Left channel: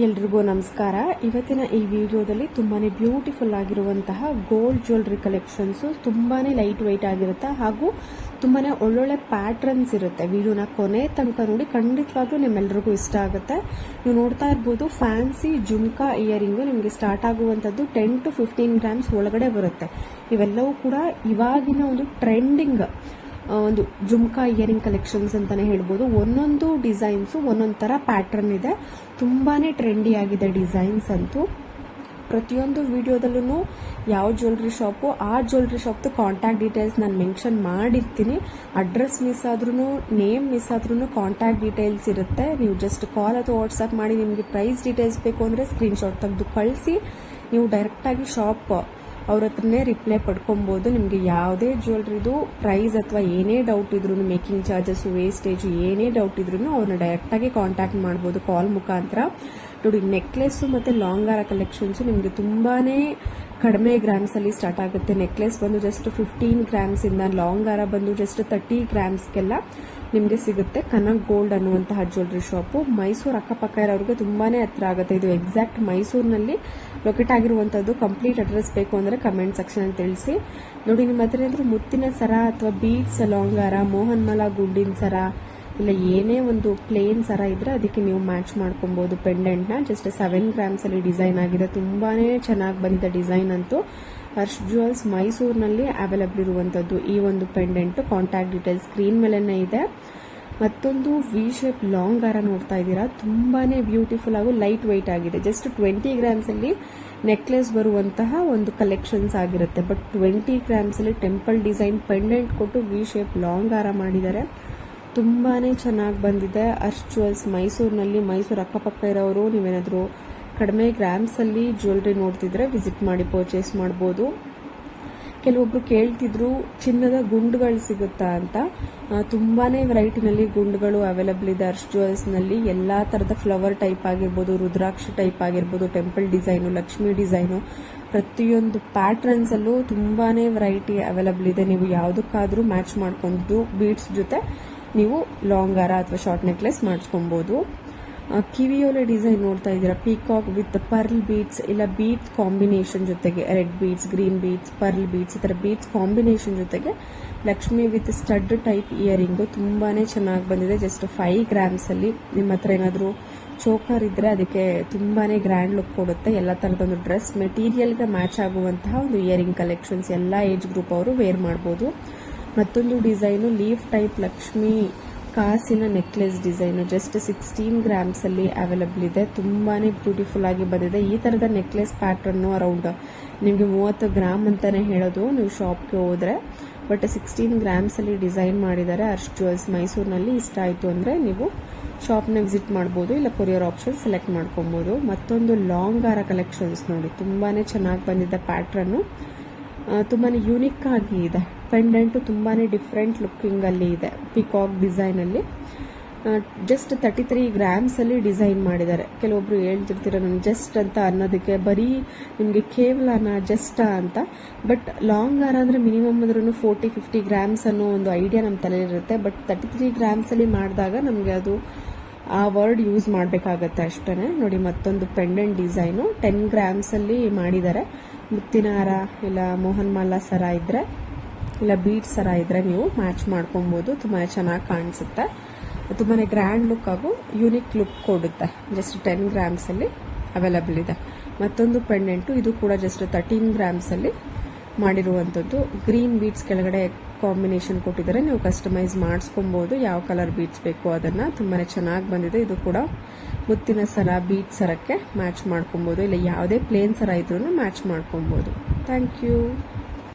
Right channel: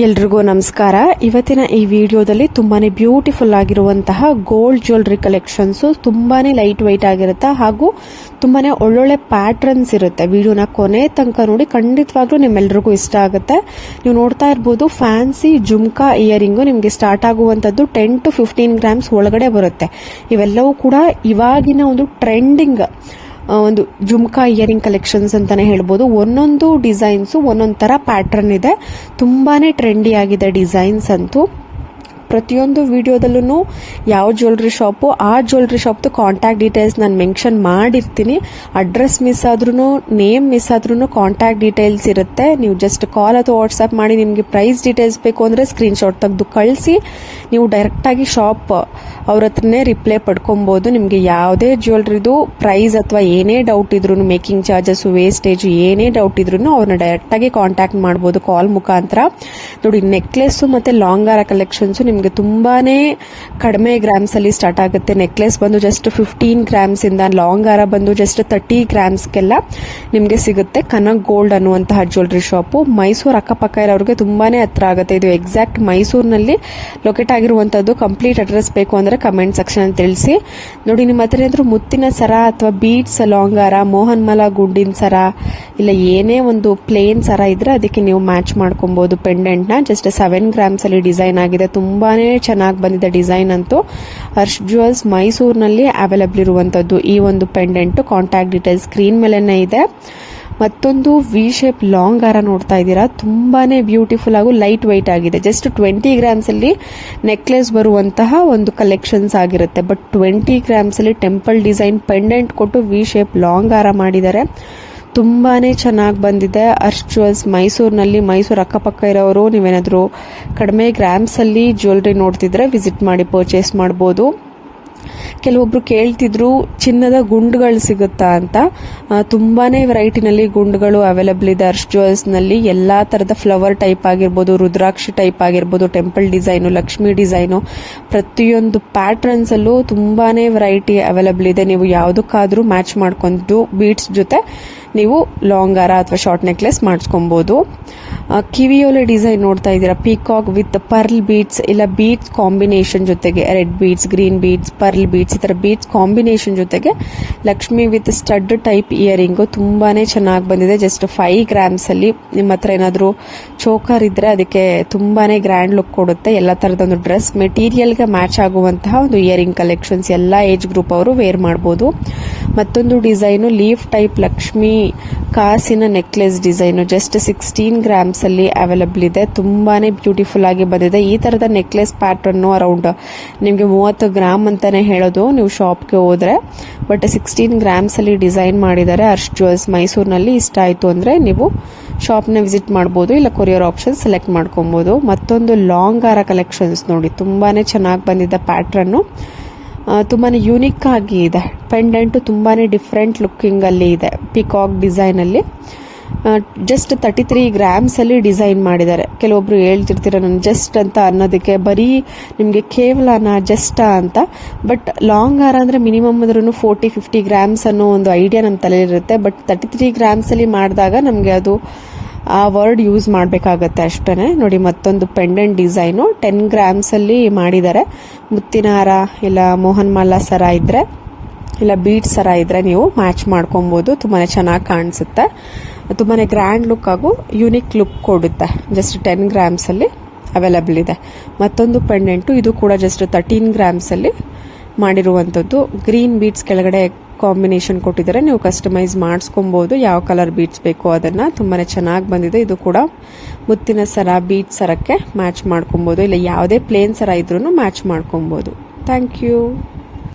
ಎಲ್ರಿಗೂ ನಮಸ್ಕಾರ. ಇವತ್ತಿನ ಈ ವಿಡಿಯೋದಲ್ಲಿ ತುಂಬಾನೇ ಬ್ಯೂಟಿಫುಲ್ ಆಗಿರುವಂತಹ ಗೋಲ್ಡ್ ಜ್ಯುವೆಲರಿ ಕಲೆಕ್ಷನ್ಸ್ ತುಂಬಾನೇ ಲೈಟ್ ವೈಟ್ ಆಗಿರುತ್ತೆ ಹಾಗೂ ತುಂಬಾನೇ ಒಳ್ಳೊಳ್ಳೆ ಪ್ಯಾಟ್ರನ್ಸ್ ಇರುತ್ತೆ. ವಿಡಿಯೋನ ಕೊನೆ ತನಕ ನೋಡಿ, ಖಂಡಿತವಾಗ್ಲೂ ನಿಮ್ಮೆಲ್ರಿಗೂ ಇಷ್ಟ ಆಗುತ್ತೆ. ನೀವು ನೋಡ್ತಾ ಇರ್ಬೋದು ಫ್ಯಾನ್ಸಿ ಜುಮ್ಕಾ ಇಯರಿಂಗು ನಿಮಗೆ ಸ್ಟಾರ್ಟ್ ಆಗುವಂಥದ್ದು 10 to 15 ಗ್ರಾಮ್ಸ್ ಒಳಗಡೆ ಬರುತ್ತೆ. ಇವೆಲ್ಲವೂ ಕೂಡ ಇವಾಗಿನ ಒಂದು ಟ್ರೆಂಡಿಂಗ್ ಒಂದು ಜುಮ್ಕಾ ಇಯರಿಂಗ್ ಕಲೆಕ್ಷನ್ಸ್ ಅಂತಾನೆ ಹೇಳ್ಬೋದು. ಒಂದೊಂದು ಡಿಸೈನ್ಸು ಒಂದೊಂದು ಥರ ಪ್ಯಾಟ್ರನ್ ಇದೆ, ತುಂಬಾನೇ ಟ್ರೆಂಡಿ ಆಗಿದೆ ಡಿಸೈನ್ಸ್ ಅಂತೂ. ಪ್ರತಿಯೊಂದು ವಿಡಿಯೋದಲ್ಲೂ ಯಾವ ಜ್ಯುವೆಲ್ರಿ ಶಾಪು ಆ ಜ್ಯುವೆಲ್ರಿ ಶಾಪ್ದು ಕಾಂಟ್ಯಾಕ್ಟ್ ಡೀಟೇಲ್ಸ್ ನಾನು ಮೆನ್ಷನ್ ಮಾಡಿರ್ತೀನಿ. ಅಡ್ರೆಸ್ ಮಿಸ್ ಆದ್ರೂ ನೇಮ್ ಮಿಸ್ ಆದ್ರೂ ಕಾಂಟ್ಯಾಕ್ಟ್ ಡೀಟೇಲ್ಸ್ ಇರುತ್ತೆ. ನೀವು ಜಸ್ಟ್ ಕಾಲ್ ಅಥವಾ ವಾಟ್ಸಪ್ ಮಾಡಿ ನಿಮಗೆ ಪ್ರೈಸ್ ಡೀಟೇಲ್ಸ್ ಬೇಕು ಅಂದರೆ ಸ್ಕ್ರೀನ್ಶಾಟ್ ತೆಗೆದು ಕಳಿಸಿ ನೀವು ಡೈರೆಕ್ಟಾಗಿ ಶಾಪ್ ಅವ್ರ ಹತ್ರನೇ ರಿಪ್ಲೈ ಪಡ್ಕೊಬೋದು. ನಿಮಗೆ ಯಾವುದೇ ಜ್ಯುವೆಲ್ರಿದು ಪ್ರೈಸ್ ಅಥವಾ ಏನೇ ಡೌಟ್ ಇದ್ರೂ, ಮೇಕಿಂಗ್ ಚಾರ್ಜಸ್, ವೇಸ್ಟೇಜ್ ಏನೇ ಡೌಟ್ ಇದ್ರೂ ಅವ್ರನ್ನ ಡೈರೆಕ್ಟಾಗಿ ಕಾಂಟ್ಯಾಕ್ಟ್ ಮಾಡ್ಬೋದು ಕಾಲ್ ಮುಖಾಂತರ. ನೋಡಿ, ನೆಕ್ಲೆಸ್ಸು ಮತ್ತು ಲಾಂಗ್ ಹಾರ ಕಲೆಕ್ಷನ್ಸು ನಿಮಗೆ ತುಂಬಾನೇ ಕಡಿಮೆ ಗ್ರಾಮ್ಸ್ ಅಲ್ಲಿ ಸ್ಟಾರ್ಟ್ ಆಗುತ್ತೆ. ನೆಕ್ಲೆಸ್ ಬಂದು ಜಸ್ಟ್ 15 ಗ್ರಾಮ್ಸ್ ಇಂದ, ಲಾಂಗ್ ಹಾರ ಬಂದು ಜಸ್ಟ್ 30 ಗ್ರಾಮ್ಸ್ಗೆಲ್ಲ ನಿಮಗೆ ಸಿಗುತ್ತೆ. ಕನಕ್ ಗೋಲ್ಡ್ ಅನ್ನುವಂತಹ ಜ್ಯುವೆಲ್ರಿ ಶಾಪು ಮೈಸೂರು ಅಕ್ಕಪಕ್ಕ ಇರೋರಿಗೆ ತುಂಬಾನೇ ಹತ್ರ ಆಗುತ್ತೆ. ಇದು ಎಕ್ಸಾಕ್ಟ್ ಮೈಸೂರಿನಲ್ಲಿ ಲೊಕೇಟ್ ಆಗಿರುವಂತದ್ದು. ಕಂಪ್ಲೀಟ್ ಅಡ್ರೆಸ್ ಬೇಕು ಅಂದ್ರೆ ಕಮೆಂಟ್ ಸೆಕ್ಷನ್ ಅಲ್ಲಿ ತಿಳಿಸಿ. ನೋಡಿ, ನಿಮ್ಮ ಹತ್ರ ಏನಾದ್ರು ಮುತ್ತಿನ ಸರ ಅಥವಾ ಬೀಡ್ಸ್, ಲಾಂಗ್ ಹಾರ, ಮೋಹನ್ ಮಾಲಾ ಗುಂಡಿನ ಸರ, ಇಲ್ಲ ಏನೇ ಒಂದು ಪ್ಲೇನ್ ಸರ ಇದ್ರೆ ಅದಕ್ಕೆ ನೀವು ಮ್ಯಾಚ್ ಮಾಡ್ಕೊಬಹುದು ಪೆಂಡೆಂಟ್ ನ. ಜಸ್ಟ್ 7 ಗ್ರಾಮ್ಸ್ ಅಲ್ಲಿ ಡಿಸೈನ್ ಆಗಿದೆ, ತುಂಬಾನೇ ಚೆನ್ನಾಗಿ ಬಂದಿದೆ ಡಿಸೈನ್ ಅಂತೂ. ಹರ್ಷ್ ಜ್ಯುವೆಲ್ಸ್ ಮೈಸೂರಿನಲ್ಲಿ ಅವೈಲಬಲ್ ಇರುವಂತದ್ದು ಈ ಒಂದು ಪೆಂಡೆಂಟ್. ಕಾಂಟ್ಯಾಕ್ಟ್ ಡೀಟೇಲ್ಸ್ ಸ್ಕ್ರೀನ್ ಮೇಲೆನೇ ಇದೆ. ಮತ್ತೊಂದು ವಿ ಶೇಪ್ ಲಾಂಗ್ ಹಾರ ನೋಡ್ತಾ ಇದ್ದೀರಾ, ತುಂಬಾನೇ ಬ್ಯೂಟಿಫುಲ್ ಹಾಗೂ ಲೈಟ್ ವೈಟ್ ಆಗಿದೆ. ಜಸ್ಟ್ 20 ಗ್ರಾಮ್ಸ್ ಅಲ್ಲಿ ನೆಕ್ಲೆಸ್ ಬರುವಂತಹ ಒಂದು ಕಲೆಕ್ಷನ್ಸ್ ಆಗಿರುತ್ತೆ. ಬಟ್ 20 ಗ್ರಾಮ್ಸ್ ಅಲ್ಲಿ ಟೆಂಪಲ್ ಡಿಸೈನ್ ಪೆಂಡೆಂಟ್ ಕೊಟ್ಟು ವಿ ಶೇಪ್ ಲಾಂಗ್ ಹಾರ ಮಾಡಿದ್ದಾರೆ. ತುಂಬಾನೇ ಚೆನ್ನಾಗಿ ಬಂದಿದೆ. ಹರ್ಷ್ ಜ್ಯುವೆಲ್ಸ್ ಮೈಸೂರಿನಲ್ಲಿ, ಮೈಸೂರು ಅಕ್ಕಪಕ್ಕ ಇರೋರು ನೀವೇನಾದರೂ ಕಡಿಮೆ ಗ್ರಾಮ್ಸ್ ಅಲ್ಲಿ ಜ್ಯುವೆಲ್ರಿ ನೋಡ್ತಿದ್ರೆ ವಿಸಿಟ್ ಮಾಡಿ ಪರ್ಚೇಸ್ ಮಾಡ್ಬೋದು. ಕೆಲವೊಬ್ರು ಕೇಳ್ತಿದ್ರು ಚಿನ್ನದ ಗುಂಡುಗಳು ಸಿಗುತ್ತಾ ಅಂತ. ತುಂಬಾನೇ ವೆರೈಟಿನಲ್ಲಿ ಗುಂಡುಗಳು ಅವೈಲಬಲ್ ಇದೆ ಹರ್ಷ್ ಜ್ಯುವೆಲ್ಸ್ ನಲ್ಲಿ. ಎಲ್ಲಾ ತರದ ಫ್ಲವರ್ ಟೈಪ್ ಆಗಿರ್ಬೋದು, ರುದ್ರಾಕ್ಷಿ ಟೈಪ್ ಆಗಿರ್ಬೋದು, ಟೆಂಪಲ್ ಡಿಸೈನು, ಲಕ್ಷ್ಮಿ ಡಿಸೈನು, ಪ್ರತಿಯೊಂದು ಪ್ಯಾಟ್ರನ್ಸ್ ಅಲ್ಲೂ ತುಂಬಾನೇ ವೆರೈಟಿ ಅವೈಲಬಲ್ ಇದೆ. ನೀವು ಯಾವುದಕ್ಕಾದ್ರೂ ಮ್ಯಾಚ್ ಮಾಡ್ಕೊಂಡು ಬೀಡ್ಸ್ ಜೊತೆ ನೀವು ಲಾಂಗ್ ಹಾರ ಅಥವಾ ಶಾರ್ಟ್ ನೆಕ್ಲೆಸ್ ಮಾಡಿಸ್ಕೊಬಹುದು. ಕಿವಿಯೋಲೆ ಡಿಸೈನ್ ನೋಡ್ತಾ ಇದ್ದೀರಾ, ಪೀಕಾಕ್ ವಿತ್ ಪರ್ಲ್ ಬೀಡ್ಸ್, ಇಲ್ಲ ಬೀಡ್ಸ್ ಕಾಂಬಿನೇಷನ್ ಜೊತೆಗೆ red beads, green beads, pearl beads, ಈ ತರ ಬೀಡ್ಸ್ ಕಾಂಬಿನೇಷನ್ ಜೊತೆಗೆ Lakshmi with stud type earring ತುಂಬಾನೇ ಚೆನ್ನಾಗಿ ಬಂದಿದೆ. ಜಸ್ಟ್ 5 ಗ್ರಾಮ್ಸ್ ಅಲ್ಲಿ. ನಿಮ್ಮ ಹತ್ರ ಏನಾದರೂ ಚೋಕರ್ ಇದ್ರೆ ಅದಕ್ಕೆ ತುಂಬಾನೇ ಗ್ರ್ಯಾಂಡ್ ಲುಕ್ ಕೊಡುತ್ತೆ. ಎಲ್ಲ ತರದ ಒಂದು ಡ್ರೆಸ್ ಮೆಟೀರಿಯಲ್ಗೆ ಮ್ಯಾಚ್ ಆಗುವಂತಹ ಒಂದು ಇಯರಿಂಗ್ ಕಲೆಕ್ಷನ್ಸ್ ಎಲ್ಲ ಏಜ್ ಗ್ರೂಪ್ ಅವರು ವೇರ್ ಮಾಡಬಹುದು. ಮತ್ತೊಂದು ಡಿಸೈನು ಲೀಫ್ ಟೈಪ್ ಲಕ್ಷ್ಮಿ ಕಾಸಿನ ನೆಕ್ಲೆಸ್ ಡಿಸೈನು ಜಸ್ಟ್ 16 ಗ್ರಾಮ್ಸ್ ಅಲ್ಲಿ ಅವೈಲಬಲ್ ಇದೆ. ತುಂಬಾನೇ ಬ್ಯೂಟಿಫುಲ್ ಆಗಿ ಬಂದಿದೆ. ಈ ತರದ ನೆಕ್ಲೆಸ್ ಪ್ಯಾಟರ್ನ್ ಅರೌಂಡ್ ನಿಮಗೆ 30 ಗ್ರಾಮ್ ಅಂತಾನೆ ಹೇಳೋದು ನೀವು ಶಾಪ್ಗೆ ಹೋದ್ರೆ. ಬಟ್ 16 ಗ್ರಾಮ್ಸ್ ಅಲ್ಲಿ ಡಿಸೈನ್ ಮಾಡಿದ್ದಾರೆ ಹರ್ಷ್ ಜ್ಯುವೆಲ್ಸ್ ಮೈಸೂರಿನಲ್ಲಿ. ಇಷ್ಟ ಆಯ್ತು ಅಂದ್ರೆ ನೀವು ಶಾಪ್ನ ವಿಸಿಟ್ ಮಾಡ್ಬೋದು, ಇಲ್ಲ ಕೊರಿಯರ್ ಆಪ್ಷನ್ ಸೆಲೆಕ್ಟ್ ಮಾಡ್ಕೊಬಹುದು. ಮತ್ತೊಂದು ಲಾಂಗ್ ಹಾರ ಕಲೆಕ್ಷನ್ಸ್ ನೋಡಿ, ತುಂಬಾನೇ ಚೆನ್ನಾಗಿ ಬಂದಿದೆ ಪ್ಯಾಟ್ರನ್ನು. ತುಂಬಾನೇ ಯೂನಿಕ್ ಆಗಿ ಇದೆ. ಪೆಂಡೆಂಟ್ ತುಂಬಾನೇ ಡಿಫ್ರೆಂಟ್ ಲುಕ್ಕಿಂಗ್ ಅಲ್ಲಿ ಇದೆ, ಪಿಕಾಕ್ ಡಿಸೈನ್ ಅಲ್ಲಿ. ಜಸ್ಟ್ 33 ಗ್ರಾಮ್ಸ್ ಅಲ್ಲಿ ಡಿಸೈನ್ ಮಾಡಿದ್ದಾರೆ. ಕೆಲವೊಬ್ರು ಹೇಳ್ತಿರ್ತೀರ ನಾನು ಜಸ್ಟ್ ಅಂತ ಅನ್ನೋದಕ್ಕೆ, ಬರೀ ನಿಮಗೆ ಕೇವಲನಾ ಜಸ್ಟಾ ಅಂತ. ಬಟ್ ಲಾಂಗ್ ಹಾರ ಅಂದ್ರೆ ಮಿನಿಮಮ್ ಅಂದ್ರೂ 40-50 ಗ್ರಾಮ್ಸ್ ಅನ್ನೋ ಒಂದು ಐಡಿಯಾ ನಮ್ಮ ತಲೆಯಲ್ಲಿರುತ್ತೆ. ಬಟ್ 33 ಗ್ರಾಮ್ಸ್ ಅಲ್ಲಿ ಮಾಡಿದಾಗ ನಮಗೆ ಅದು ಆ ವರ್ಡ್ ಯೂಸ್ ಮಾಡಬೇಕಾಗತ್ತೆ ಅಷ್ಟೇ. ನೋಡಿ, ಮತ್ತೊಂದು ಪೆಂಡೆಂಟ್ ಡಿಸೈನು 10 ಗ್ರಾಮ್ಸ್ ಅಲ್ಲಿ ಮಾಡಿದ್ದಾರೆ. ಮುತ್ತಿನ ಹಾರ ಇಲ್ಲ ಮೋಹನ್ ಮಾಲಾ ಸರ ಇದ್ರೆ, ಇಲ್ಲ ಬೀಡ್ಸ್ ಸರ ಇದ್ರೆ ನೀವು ಮ್ಯಾಚ್ ಮಾಡ್ಕೊಬಹುದು. ತುಂಬಾನೇ ಚೆನ್ನಾಗಿ ಕಾಣಿಸುತ್ತೆ. ತುಂಬಾನೇ ಗ್ರ್ಯಾಂಡ್ ಲುಕ್ ಹಾಗೂ ಯೂನಿಕ್ ಲುಕ್ ಕೊಡುತ್ತೆ. ಜಸ್ಟ್ 10 ಗ್ರಾಮ್ಸ್ ಅಲ್ಲಿ ಅವೈಲಬಲ್ ಇದೆ. ಮತ್ತೊಂದು ಪೆಂಡೆಂಟು, ಇದು ಕೂಡ ಜಸ್ಟ್ 13 ಗ್ರಾಮ್ಸ್ ಅಲ್ಲಿ ಮಾಡಿರುವಂಥದ್ದು. ಗ್ರೀನ್ ಬೀಡ್ಸ್ ಕೆಳಗಡೆ ಕಾಂಬಿನೇಷನ್ ಕೊಟ್ಟಿದ್ದಾರೆ, ನೀವು ಕಸ್ಟಮೈಸ್ ಮಾಡಿಸ್ಕೊಬಹುದು ಯಾವ ಕಲರ್ ಬೀಡ್ಸ್ ಬೇಕು ಅದನ್ನ. ತುಂಬಾನೇ ಚೆನ್ನಾಗಿ ಬಂದಿದೆ. ಇದು ಕೂಡ ಮುತ್ತಿನ ಸರ, ಬೀಡ್ಸ್ ಸರಕ್ಕೆ ಮ್ಯಾಚ್ ಮಾಡ್ಕೊಬಹುದು, ಇಲ್ಲ ಯಾವುದೇ ಪ್ಲೇನ್ ಸರ ಇದ್ರೂ ಮ್ಯಾಚ್ ಮಾಡ್ಕೊಬಹುದು. Thank you.